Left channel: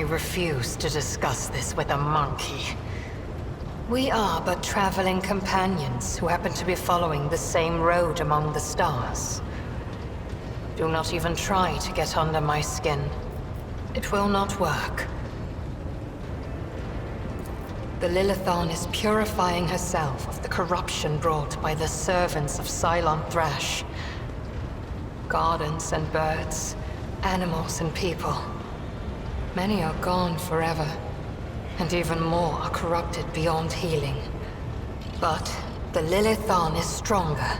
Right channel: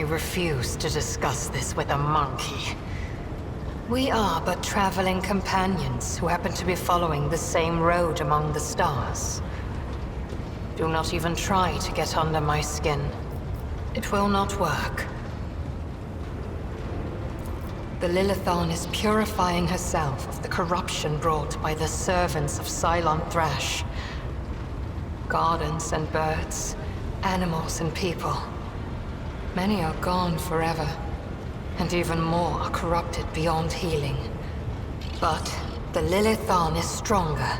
I refuse to discuss this with a monkey. We are but traveling companions who happen to be following the same road among the stars. Do not even try to get under my skin. It will not work. The Lilithon is purifying herself of the corruption brought by the servants of Cylon Thrash. Gardens and birds, animals and people. Many are gone forever, and even more are corrupted beyond healing. But the Lilithon is stronger.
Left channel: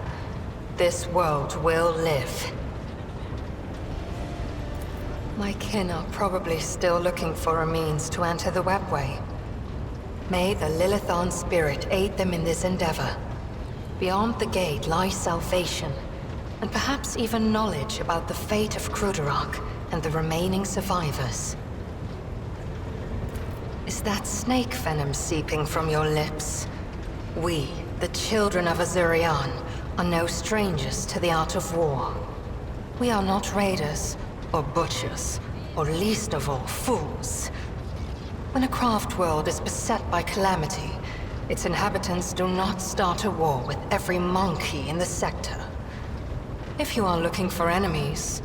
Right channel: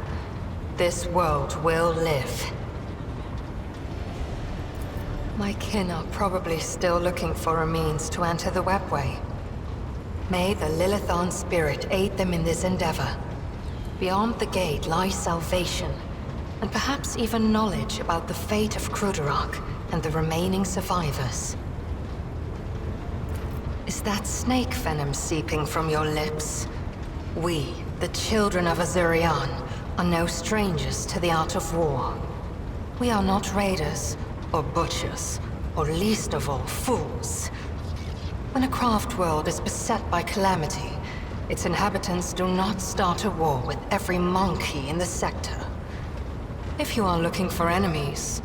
This world will live. My kin are probably still looking for a means to enter the webway. May the Lilithon spirit aid them in this endeavor. Beyond the gate lies salvation, and perhaps even knowledge about the fate of Kruderok and the remaining survivors. Is that snake venom seeping from your lips? We, the children of Azurian, are no strangers to the art of war. We are not raiders, or butchers, or least of all, fools. When a craft world is beset by calamity, its inhabitants do not start a war with every monkey in the sector. If you are looking for enemies,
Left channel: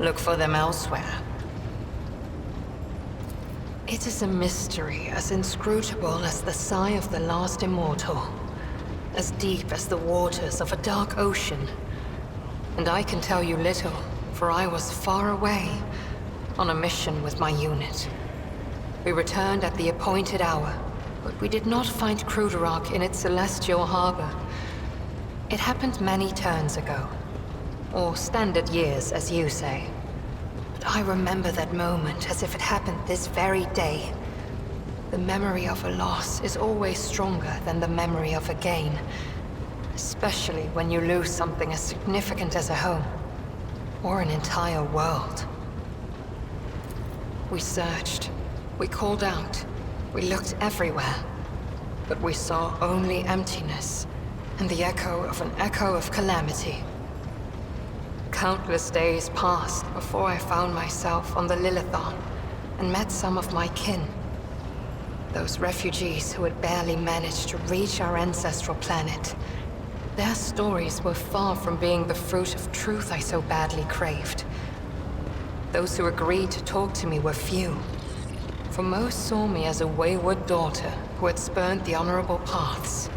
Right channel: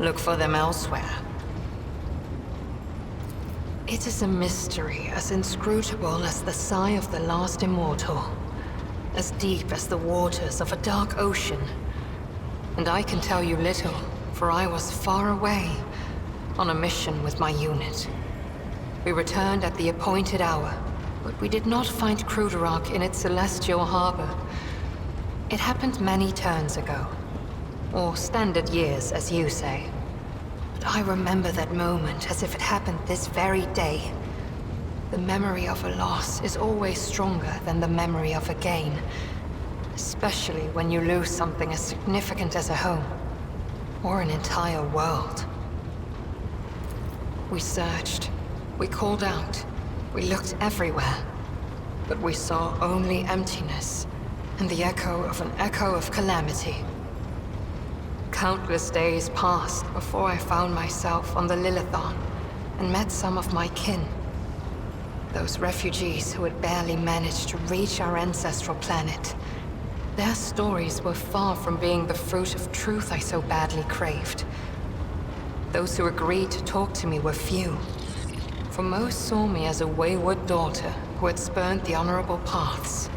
look for them elsewhere. It is a mystery as inscrutable as the sigh of the last immortal, as deep as the waters of a dark ocean. And I can tell you little, for I was far away, on a mission with my unit. We returned at the appointed hour, but we did not find Kruderok in its celestial harbor. It happened many turns ago, or standard years, as you say. But I remember that moment as if it happened this very day. The memory of a loss is always stronger than the memory of a gain, especially when you lose something as significant as a home, or an entire world. We searched, we called out, we looked everywhere, but we saw only emptiness and the echo of calamity. Countless days passed before I found myself on the Lilithon and met some of my kin. Those refugees who had barely managed to reach our ancestral planet. Their stories were far from being the fruit of truth I so badly craved. Those who agreed to talk to me were few, for most saw me as a wayward daughter who had spurned the honorable paths.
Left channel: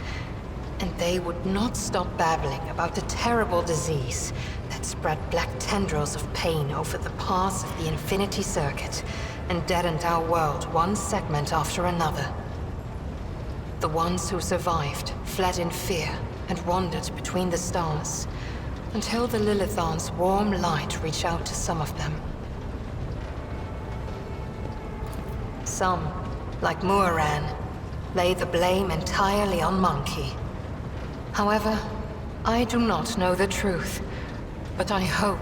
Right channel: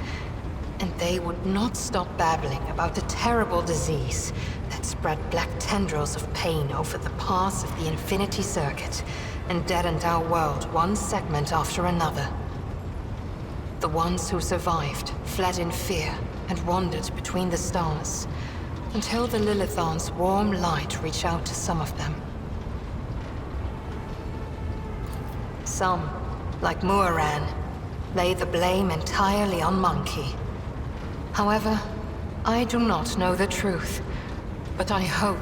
And they would not stop babbling about the terrible disease that spread black tendrils of pain over the paths of the Infinity Circuit and deadened our world one segment after another. The ones who survived fled in fear and wandered between the stars, until the Lilithon's warm light reached out to some of them. Some, like Muaran, lay the blame entirely on Monkey. However, I do not know the truth, but I hope,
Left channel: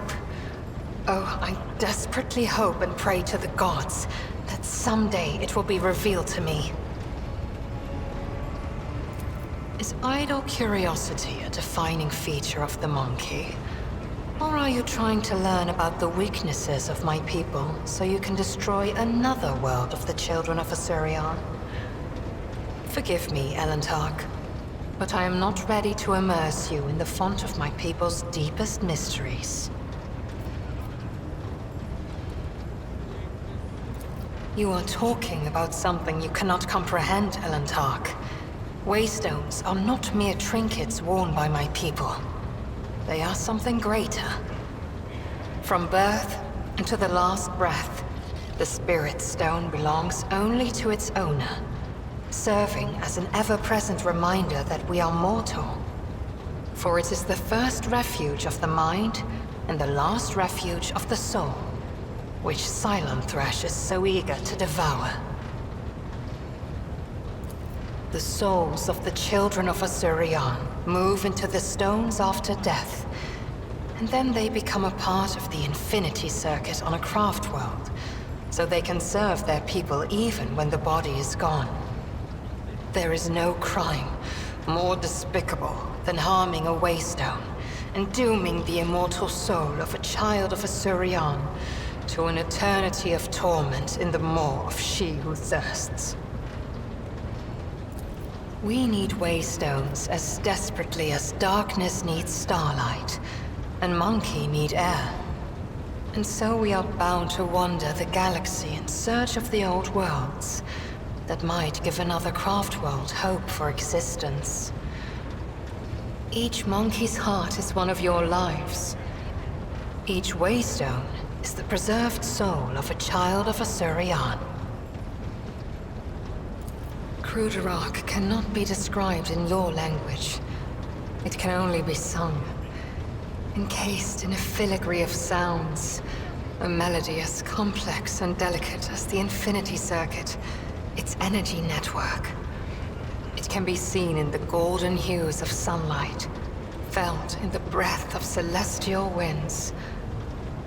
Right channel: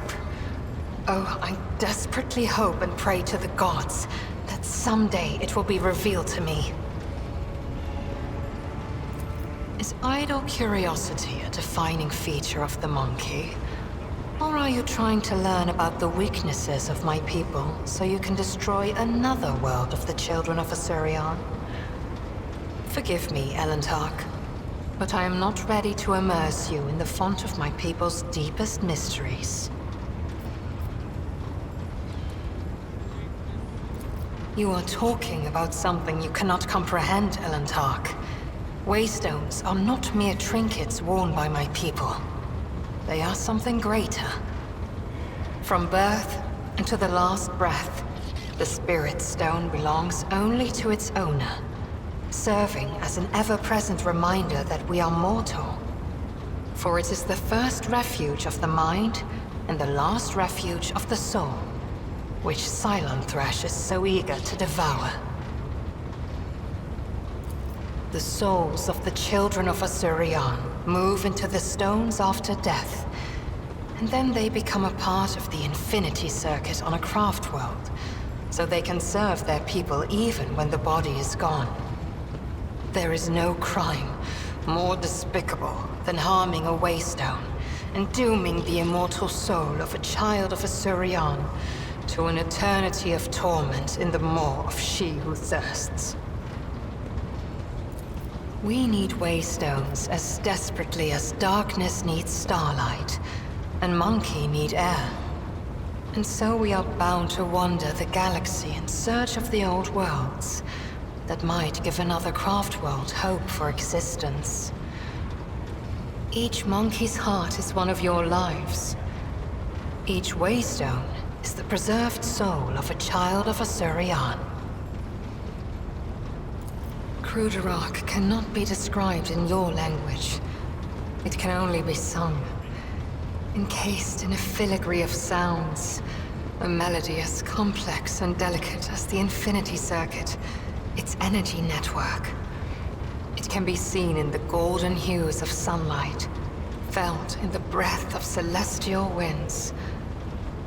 oh, I desperately hope and pray to the gods that someday it will be revealed to me. Is idle curiosity a defining feature of the Monkey? Or are you trying to learn about the weaknesses of my people so you can destroy another world of the children of Azurian? Forgive me, Elentark, but I am not ready to immerse you in the font of my people's deepest mysteries. You are talking about something you cannot comprehend, Elentark. Waystones are not mere trinkets worn by my people. They are something greater. From birth into the last breath, the Spirit Stone belongs only to its owner, serving as an ever-present reminder that we are mortal. For it is the first refuge of the mind and the last refuge of the soul, which Cylon Thrash is so eager to devour. The souls of the children of Azurian move into the stones after death, and then they become a part of the Infinity Circuit on a craft world, so they can serve their people even when the body is gone. There is no crime more despicable than harming a Waystone and dooming the immortal soul of a child of Azurian to an eternity of torment in the maw of she who thirsts. We need waystones as desperately as darkness needs starlight, and monkey need air. And so we are bound to wander the galaxy in search of the old worlds that might give another craft world hope for existence. Each monkey's heart is one of your lives. Each waystone is the preserved soul of a child of Asurian. Cruderach cannot be described in your language. It can only be sung, encased in a filigree of sounds, a melody as complex and delicate as the Infinity Circuit, its energy network. It can be seen in the golden hues of sunlight, felt in the breath of celestial winds.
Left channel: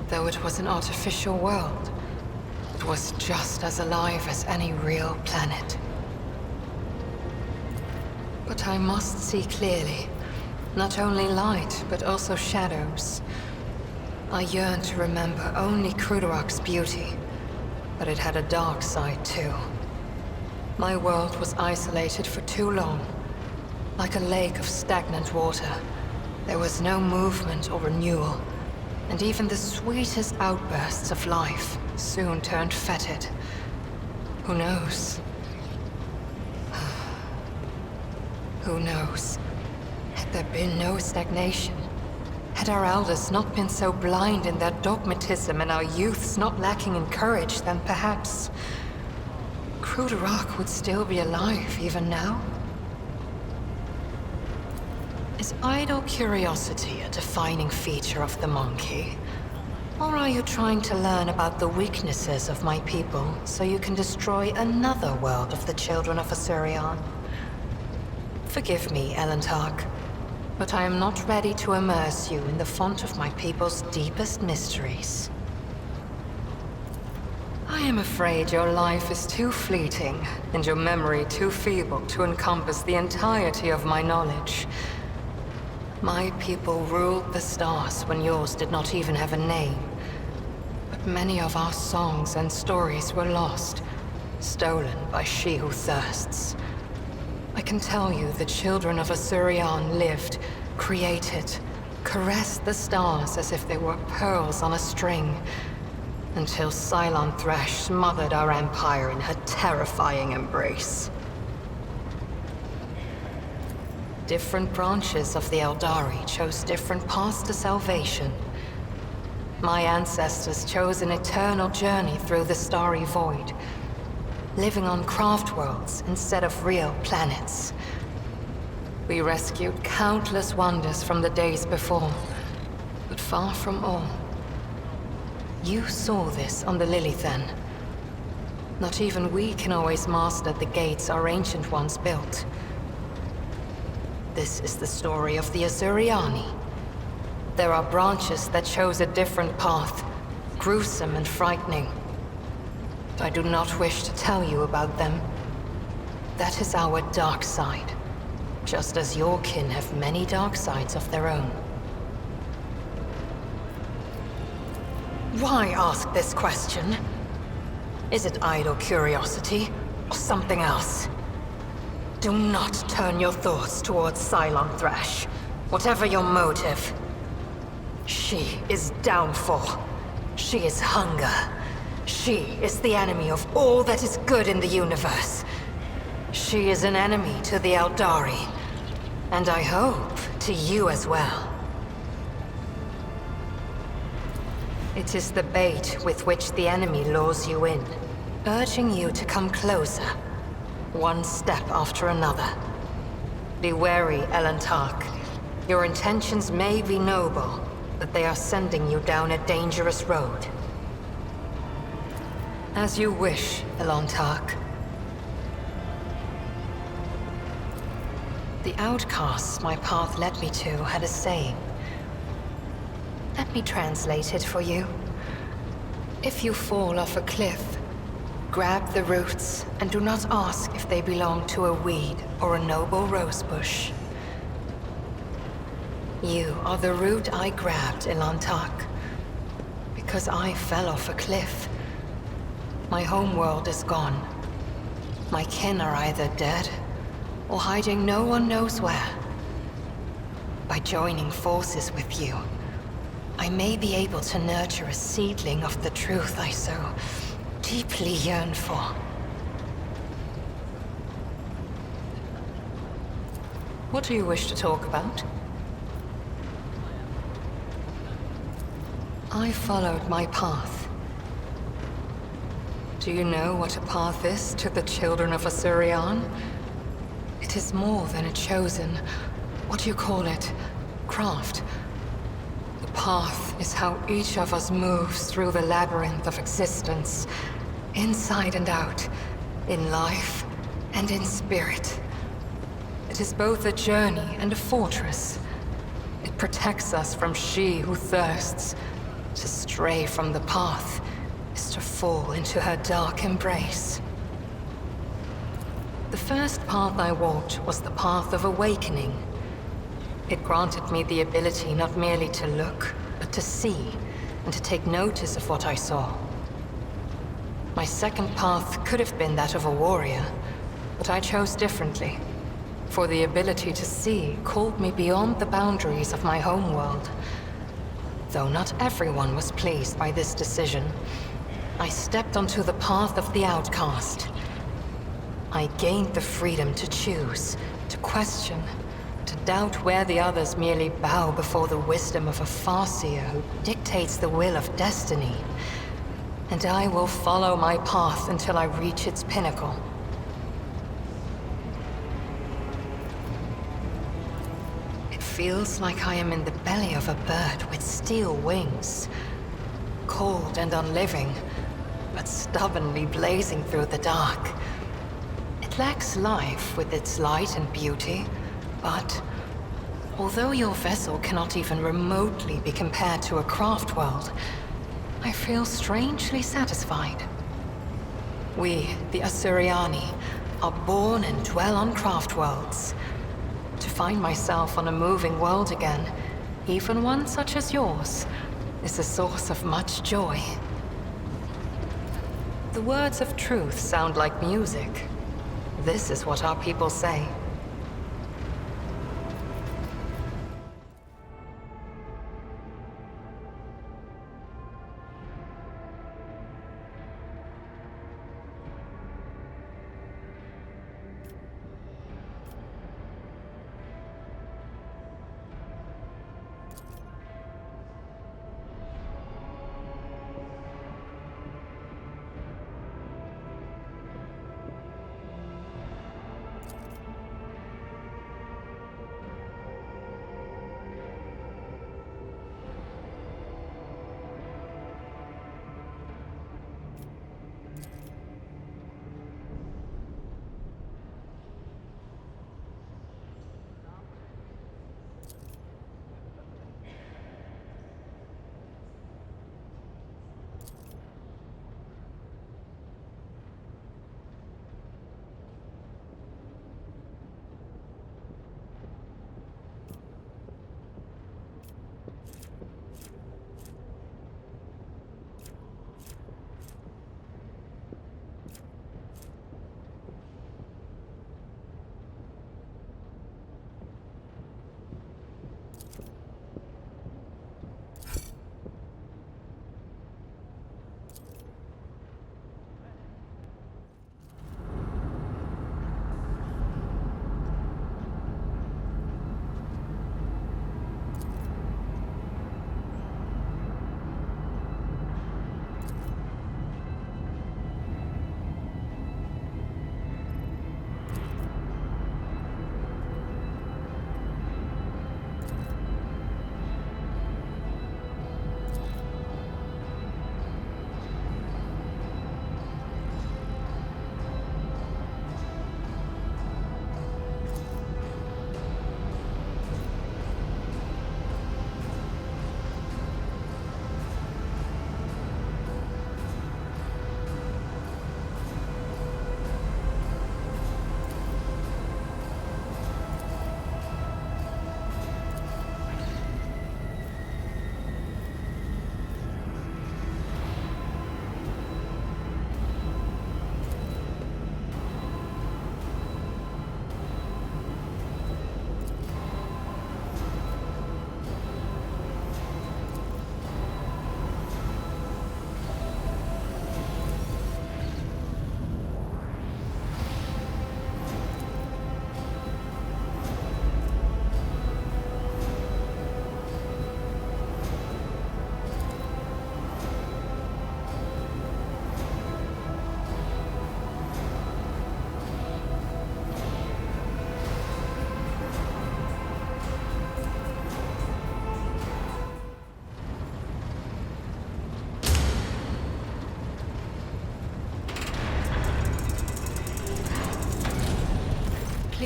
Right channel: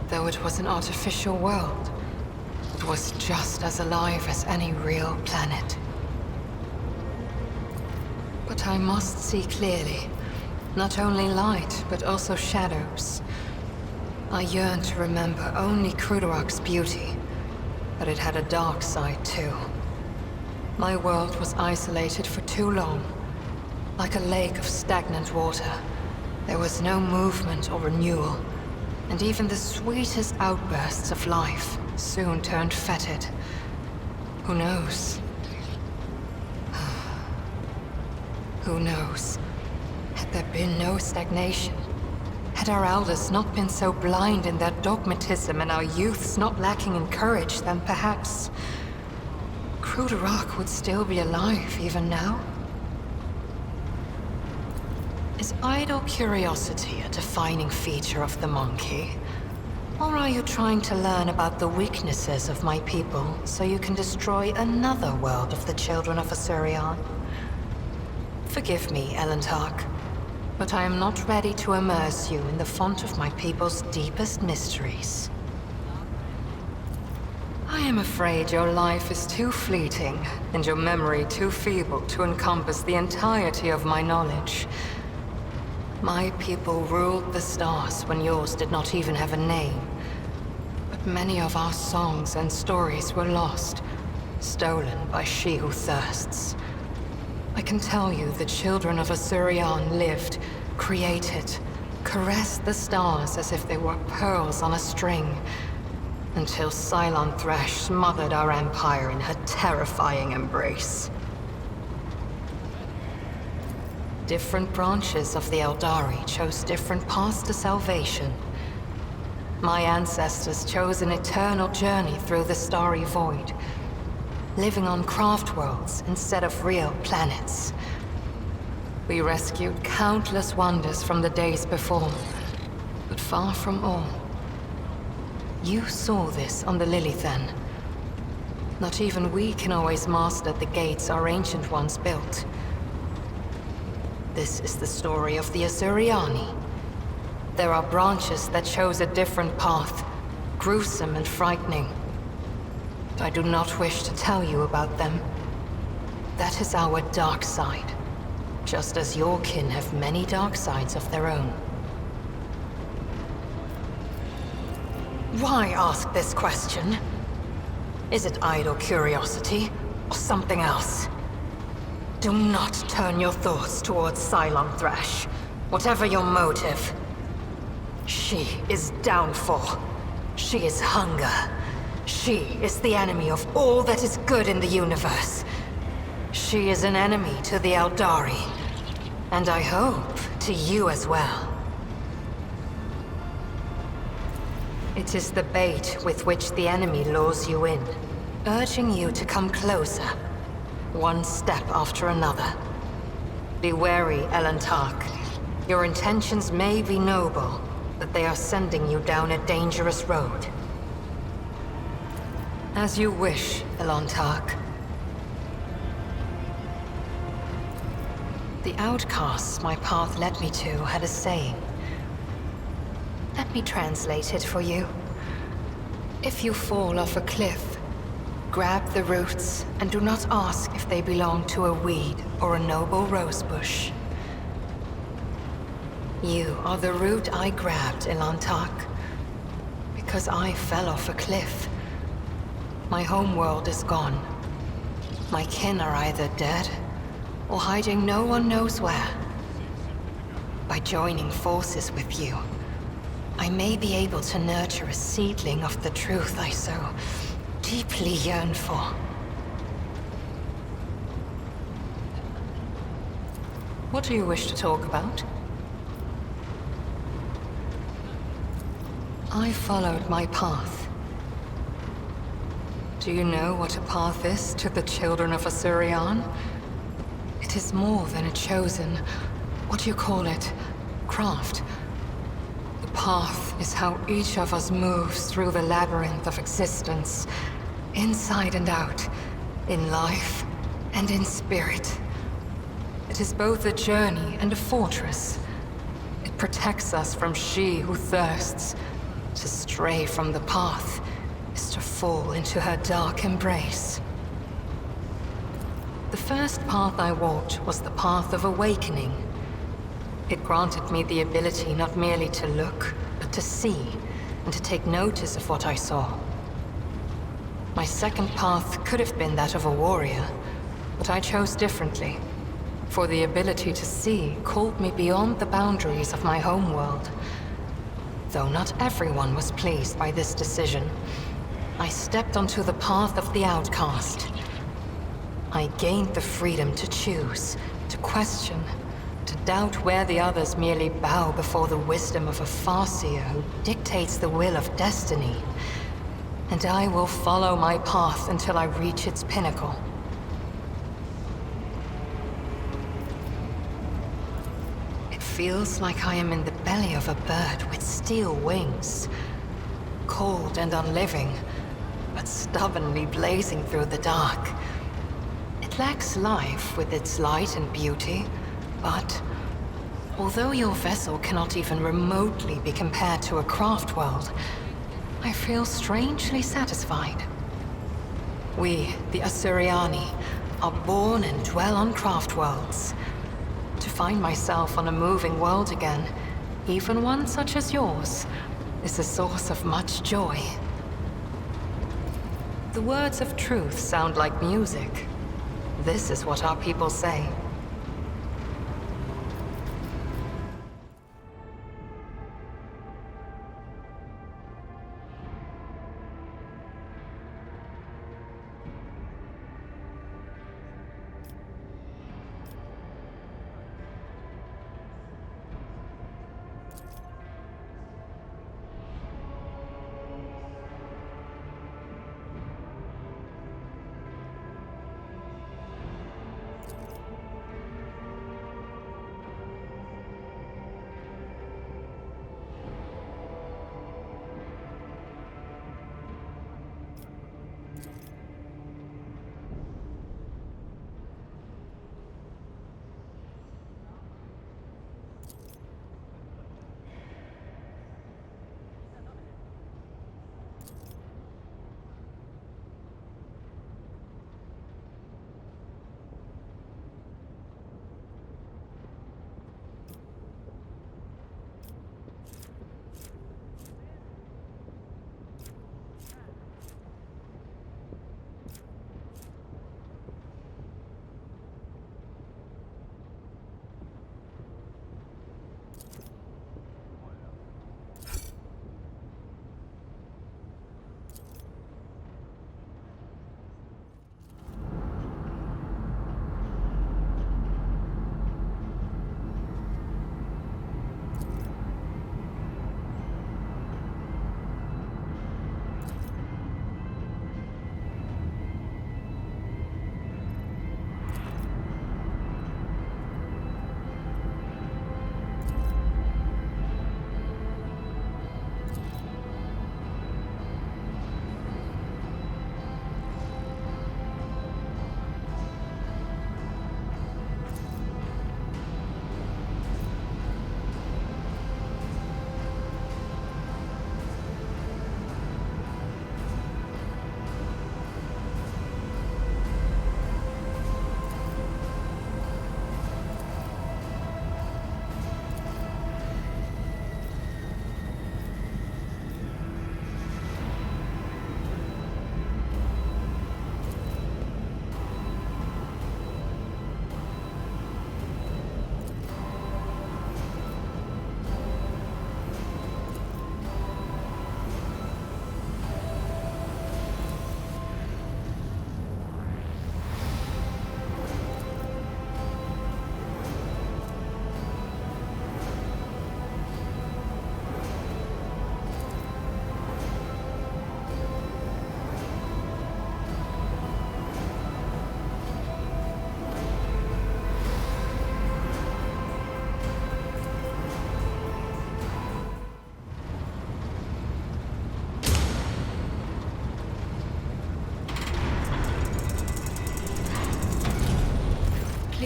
Though it was an artificial world, it was just as alive as any real planet. But I must see clearly. Not only light, but also shadows. I yearn to remember only Cruderach's beauty, but it had a dark side too. My world was isolated for too long. Like a lake of stagnant water, there was no movement or renewal, and even the sweetest outbursts of life soon turned fetid. Who knows? Who knows? Had there been no stagnation, had our elders not been so blind in their dogmatism and our youths not lacking in courage, then perhaps Cruderach would still be alive even now? Is idle curiosity a defining feature of the monkey? Or are you trying to learn about the weaknesses of my people so you can destroy another world of the children of Asurian? Forgive me, Elentark, but I am not ready to immerse you in the font of my people's deepest mysteries. I am afraid your life is too fleeting, and your memory too feeble to encompass the entirety of my knowledge. My people ruled the stars when yours did not even have a name. But many of our songs and stories were lost, stolen by she who thirsts. I can tell you the children of Asurian lived, created, caressed the stars as if they were pearls on a string, until Cylon Thresh smothered our empire in her terrifying embrace. Different branches of the Eldari chose different paths to salvation. My ancestors chose an eternal journey through the starry void, living on craft worlds instead of real planets. We rescued countless wonders from the days before, but far from all. You saw this on the Lilithan. Not even we can always master the gates our ancient ones built. This is the story of the Asuriani. There are branches that chose a different path, gruesome and frightening. I do not wish to tell you about them. That is our dark side, just as your kin have many dark sides of their own. Why ask this question? Is it idle curiosity, or something else? Do not turn your thoughts towards Cylon Thresh, whatever your motive. She is downfall. She is hunger. She is the enemy of all that is good in the universe. She is an enemy to the Eldari, and I hope to you as well. It is the bait with which the enemy lures you in, urging you to come closer, one step after another. Be wary, Elentark. Your intentions may be noble, but they are sending you down a dangerous road. As you wish, Elentark. The outcasts my path led me to had a saying. Let me translate it for you. If you fall off a cliff, grab the roots and do not ask if they belong to a weed or a noble rosebush. You are the root I grabbed, Elentark, because I fell off a cliff. My homeworld is gone. My kin are either dead or hiding no one knows where. By joining forces with you, I may be able to nurture a seedling of the truth I so deeply yearn for. What do you wish to talk about? I followed my path. Do you know what a path is to the children of Assyrian? It is more than a chosen, what do you call it, craft. The path is how each of us moves through the labyrinth of existence, inside and out, in life and in spirit. It is both a journey and a fortress. It protects us from she who thirsts. To stray from the path is to fall into her dark embrace. The first path I walked was the path of awakening. It granted me the ability not merely to look, but to see, and to take notice of what I saw. My second path could have been that of a warrior, but I chose differently, for the ability to see called me beyond the boundaries of my homeworld. Though not everyone was pleased by this decision, I stepped onto the path of the outcast. I gained the freedom to choose, to question, to doubt where the others merely bow before the wisdom of a farseer who dictates the will of destiny. And I will follow my path until I reach its pinnacle. Feels like I am in the belly of a bird with steel wings. Cold and unliving, but stubbornly blazing through the dark. It lacks life with its light and beauty, but although your vessel cannot even remotely be compared to a craft world, I feel strangely satisfied. We, the Assyriani, are born and dwell on craft worlds. To find myself on a moving world again, even one such as yours, is a source of much joy. The words of truth sound like music. This is what our people say.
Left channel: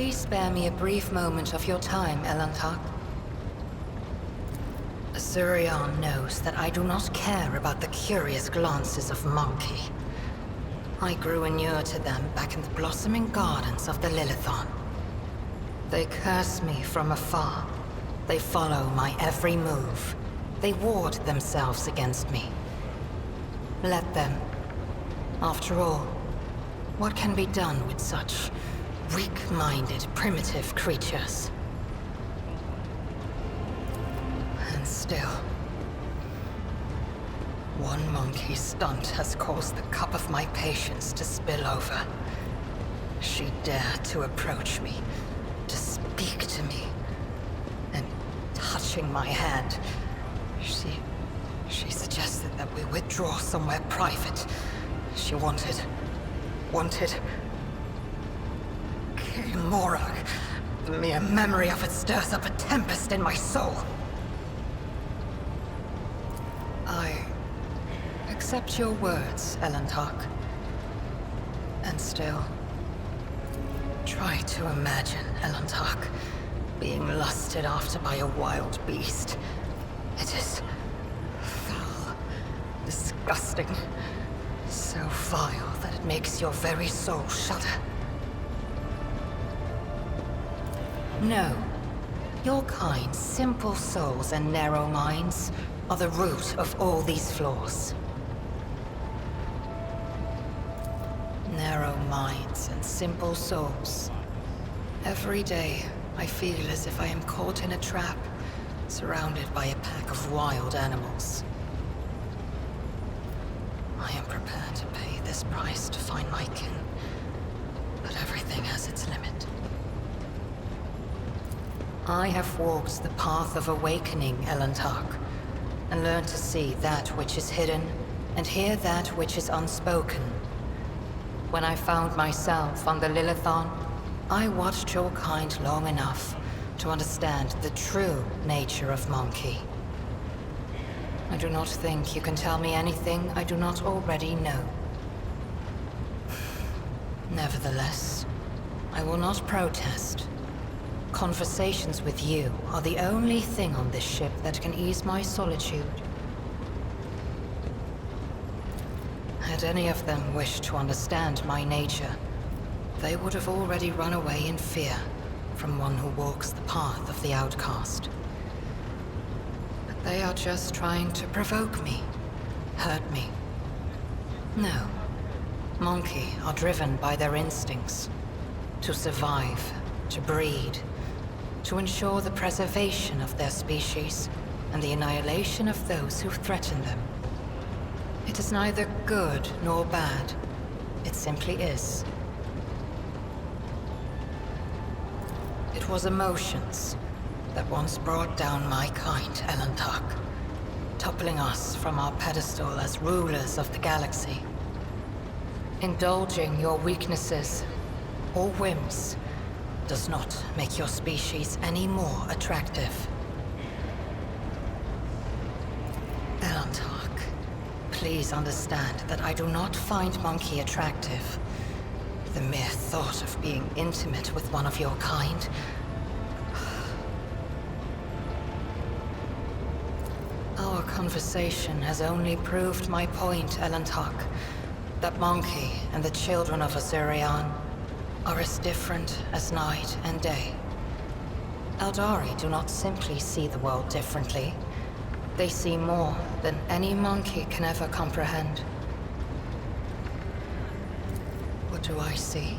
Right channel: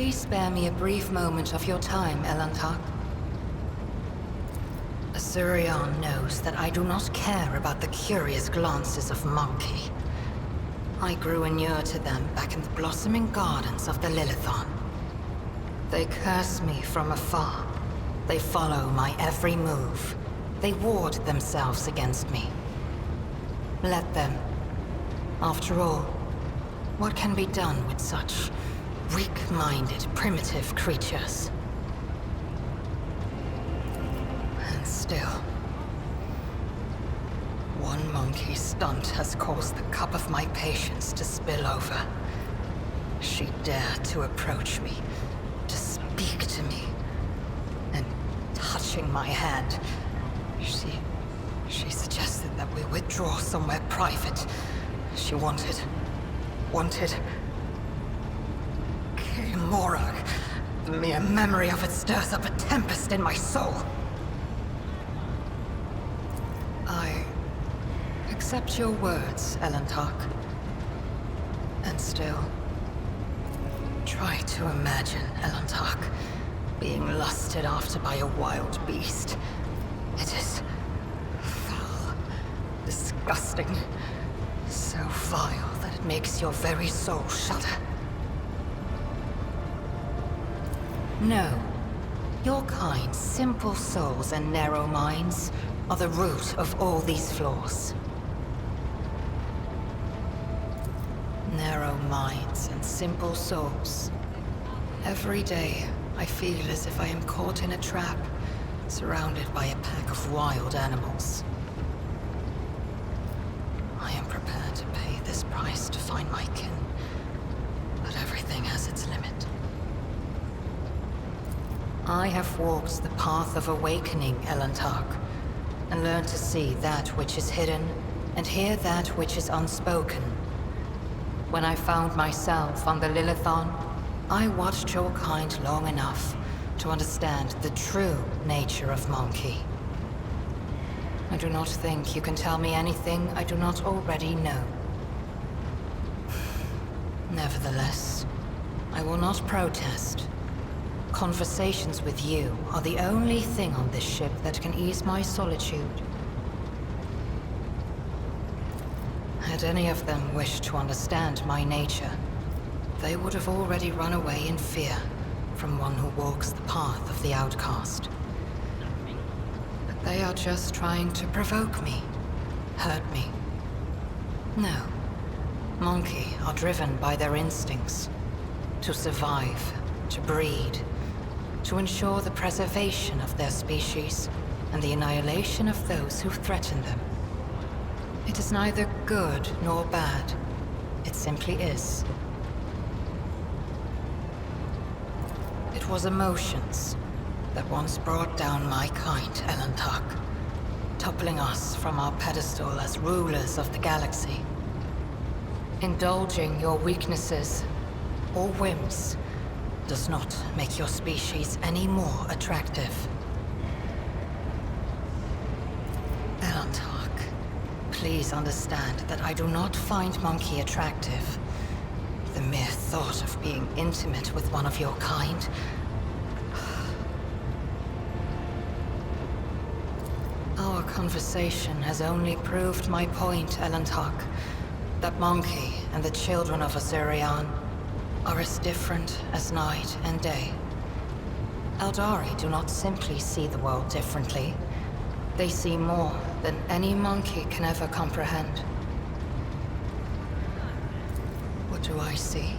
please spare me a brief moment of your time, Elantak? Azurion knows that I do not care about the curious glances of Monkey. I grew inured to them back in the blossoming gardens of the Lilithon. They curse me from afar. They follow my every move. They ward themselves against me. Let them. After all, what can be done with such weak-minded, primitive creatures? And still, one monkey stunt has caused the cup of my patience to spill over. She dared to approach me, to speak to me, and touching my hand, she suggested that we withdraw somewhere private. She wanted... Morag. The mere memory of it stirs up a tempest in my soul. I accept your words, Elantak. And still, try to imagine, Elantak, being lusted after by a wild beast. It is foul, disgusting, so vile that it makes your very soul shudder. No. Your kind, simple souls and narrow minds are the root of all these flaws. Narrow minds and simple souls. Every day, I feel as if I am caught in a trap, surrounded by a pack of wild animals. I am prepared to pay this price to find my kin, but everything has its limit. I have walked the path of awakening, Elantak, and learned to see that which is hidden, and hear that which is unspoken. When I found myself on the Lilithon, I watched your kind long enough to understand the true nature of Monkey. I do not think you can tell me anything I do not already know. Nevertheless, I will not protest. Conversations with you are the only thing on this ship that can ease my solitude. Had any of them wished to understand my nature, they would have already run away in fear from one who walks the path of the outcast. But they are just trying to provoke me, hurt me. No, Monkey are driven by their instincts. To survive, to breed, to ensure the preservation of their species and the annihilation of those who threaten them. It is neither good nor bad. It simply is. It was emotions that once brought down my kind, Elantak, toppling us from our pedestal as rulers of the galaxy. Indulging your weaknesses or whims does not make your species any more attractive. Elantak, please understand that I do not find Monkey attractive. The mere thought of being intimate with one of your kind... Our conversation has only proved my point, Elantak, that Monkey and the children of Azurion are as different as night and day. Eldari do not simply see the world differently. They see more than any monkey can ever comprehend. What do I see?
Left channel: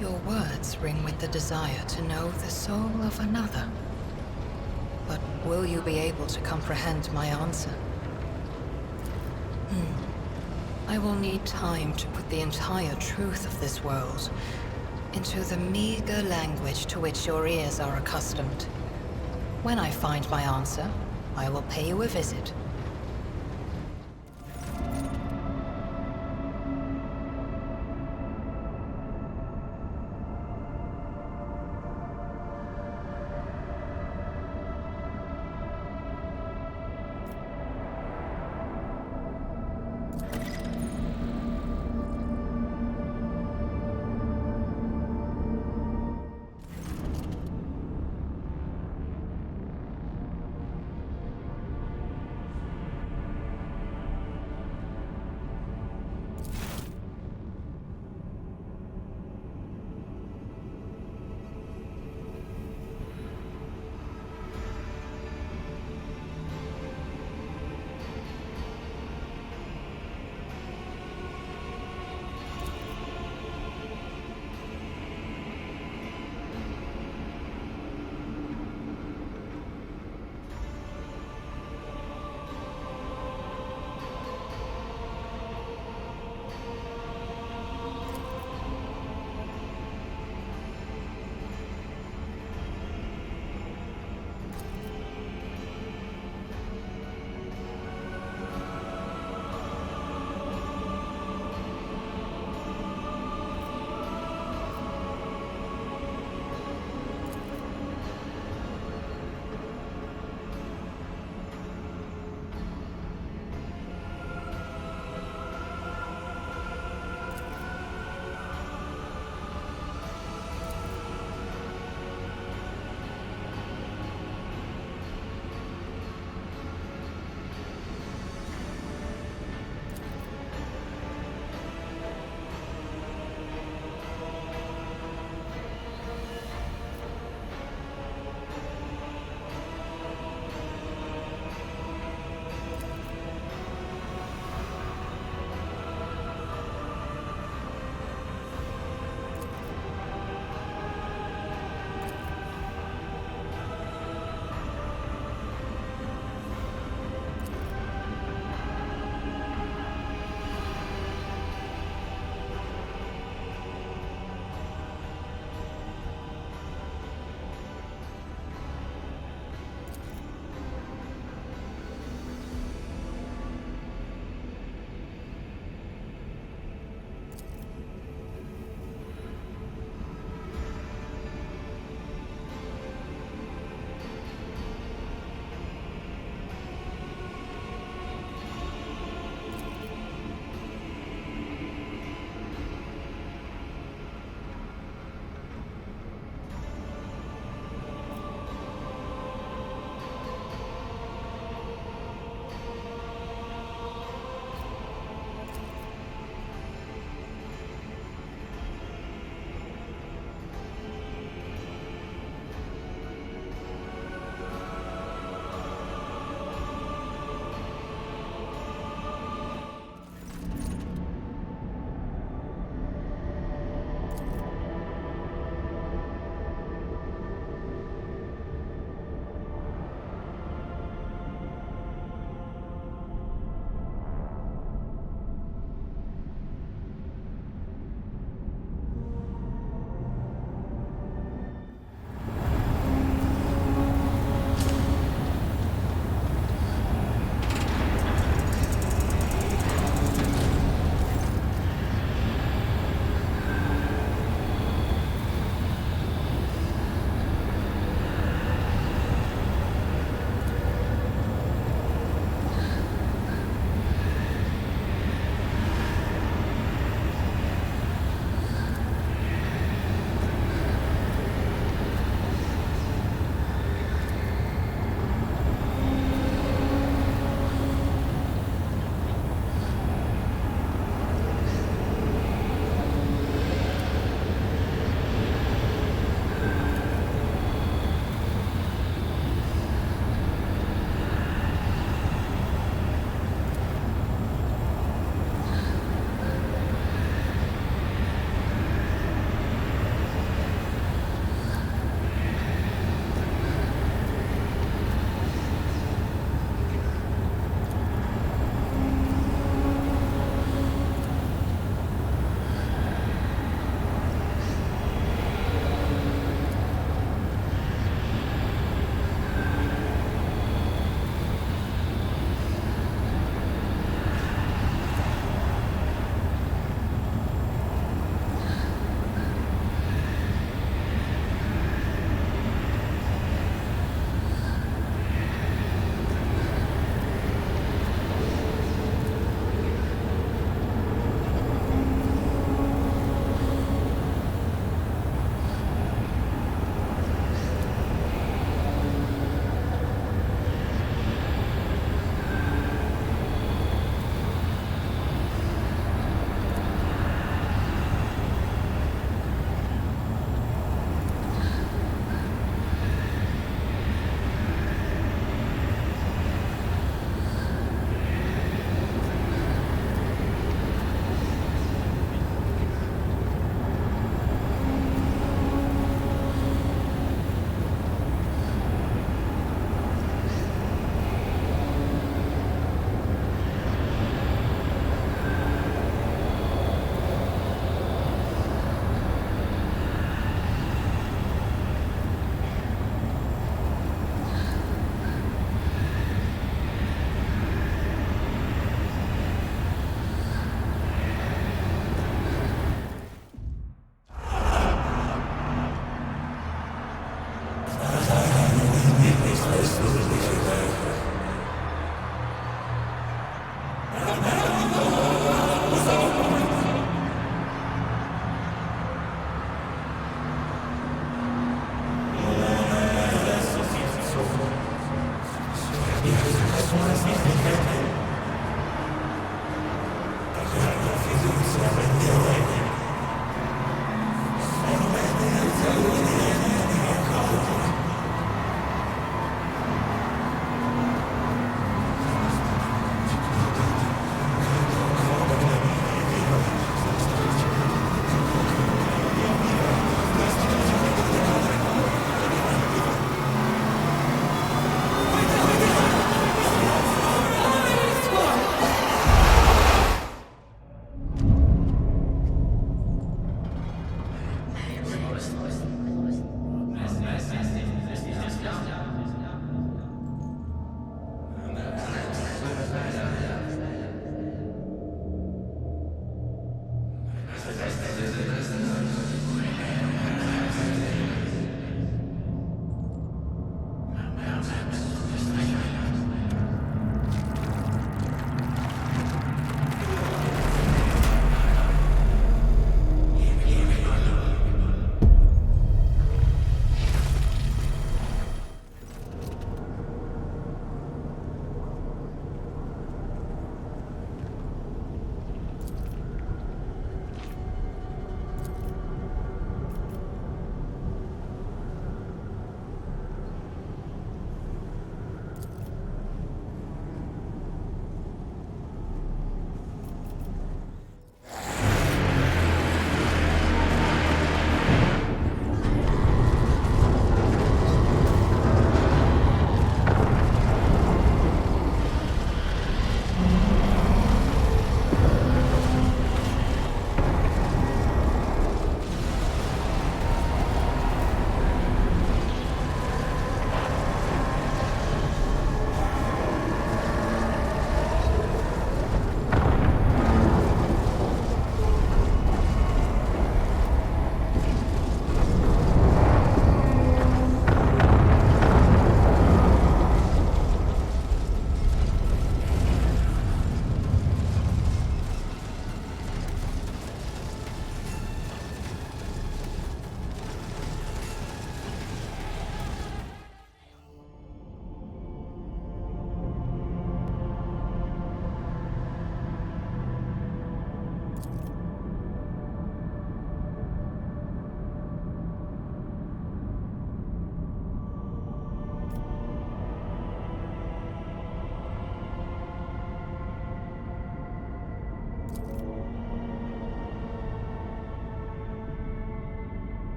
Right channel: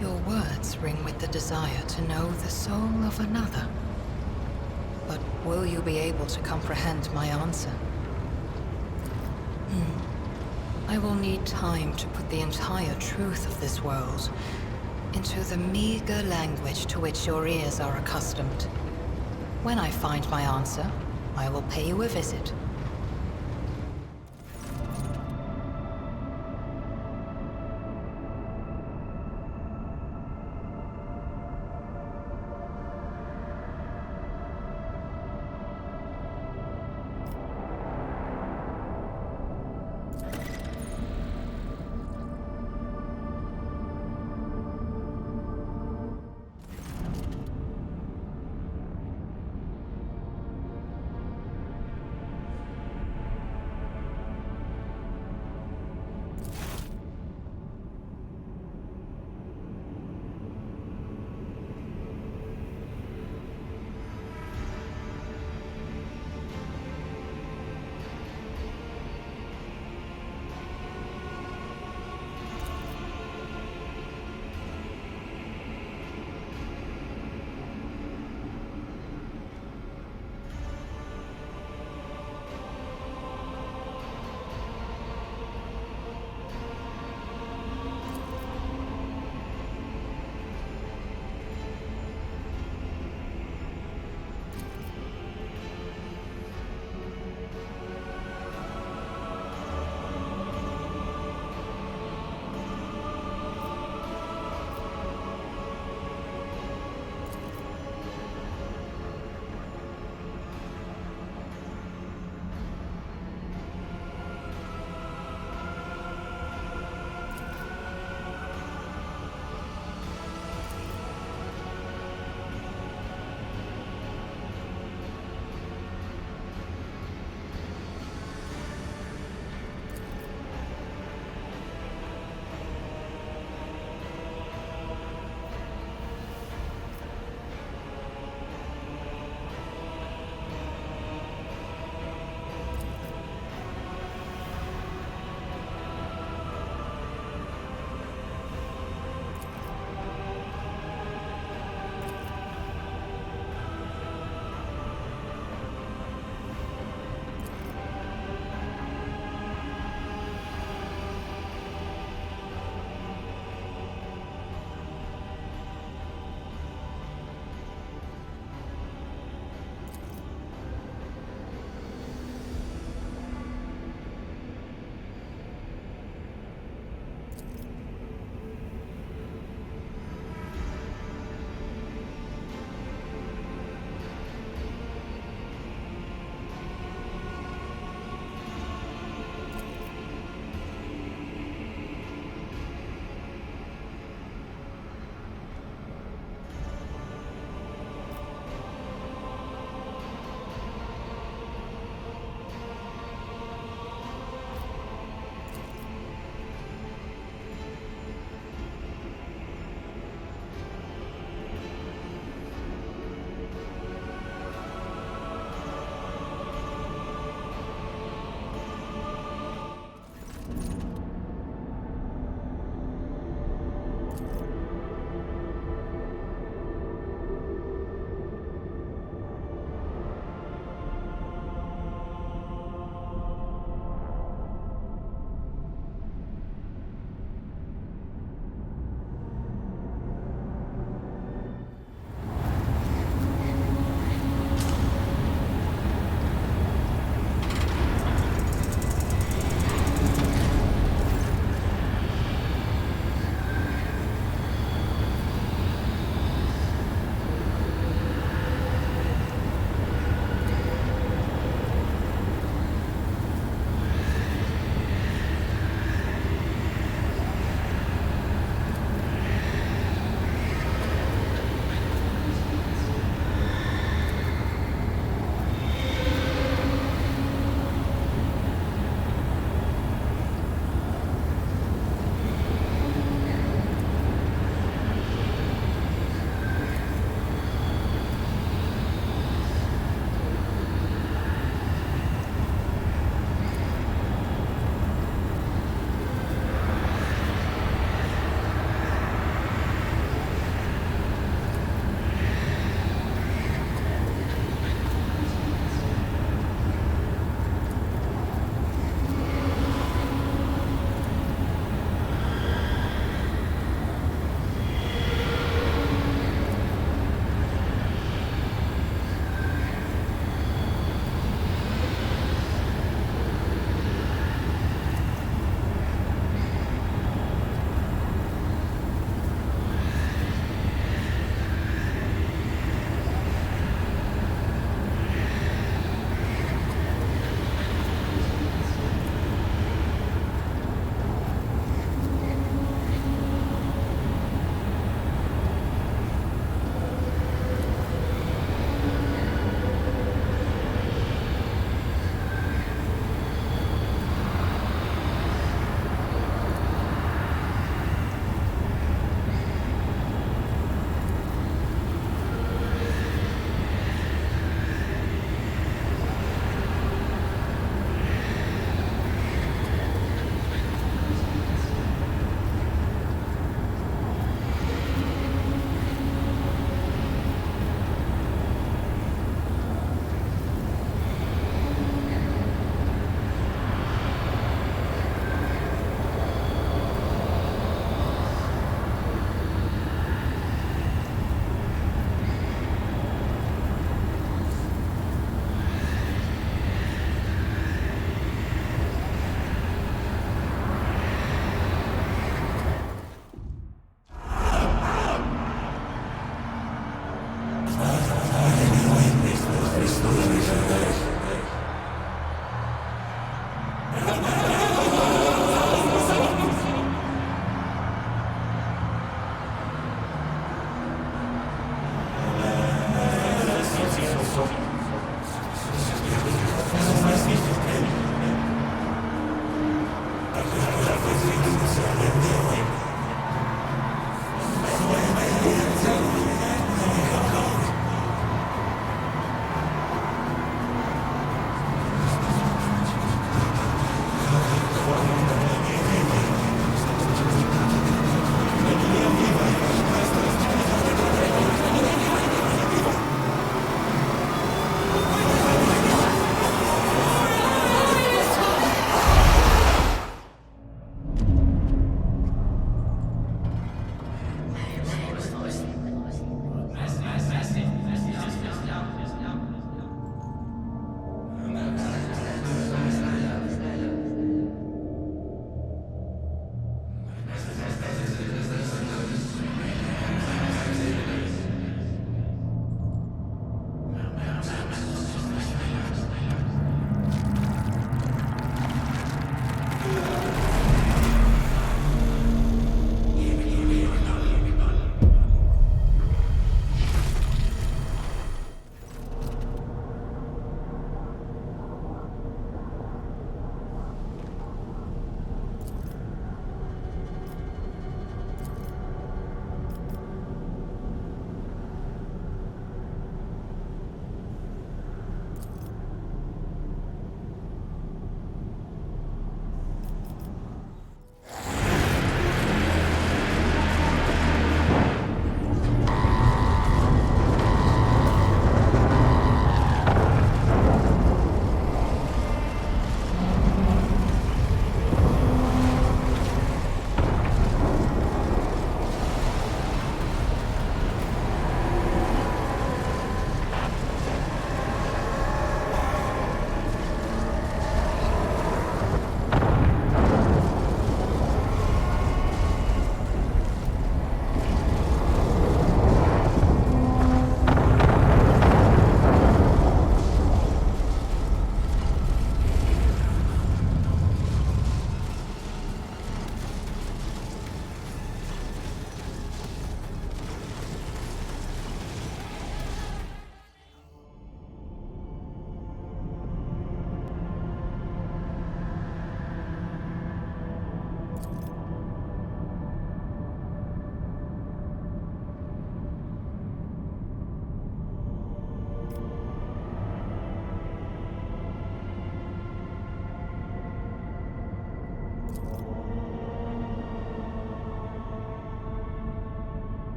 Your words ring with the desire to know the soul of another. But will you be able to comprehend my answer? I will need time to put the entire truth of this world into the meager language to which your ears are accustomed. When I find my answer, I will pay you a visit.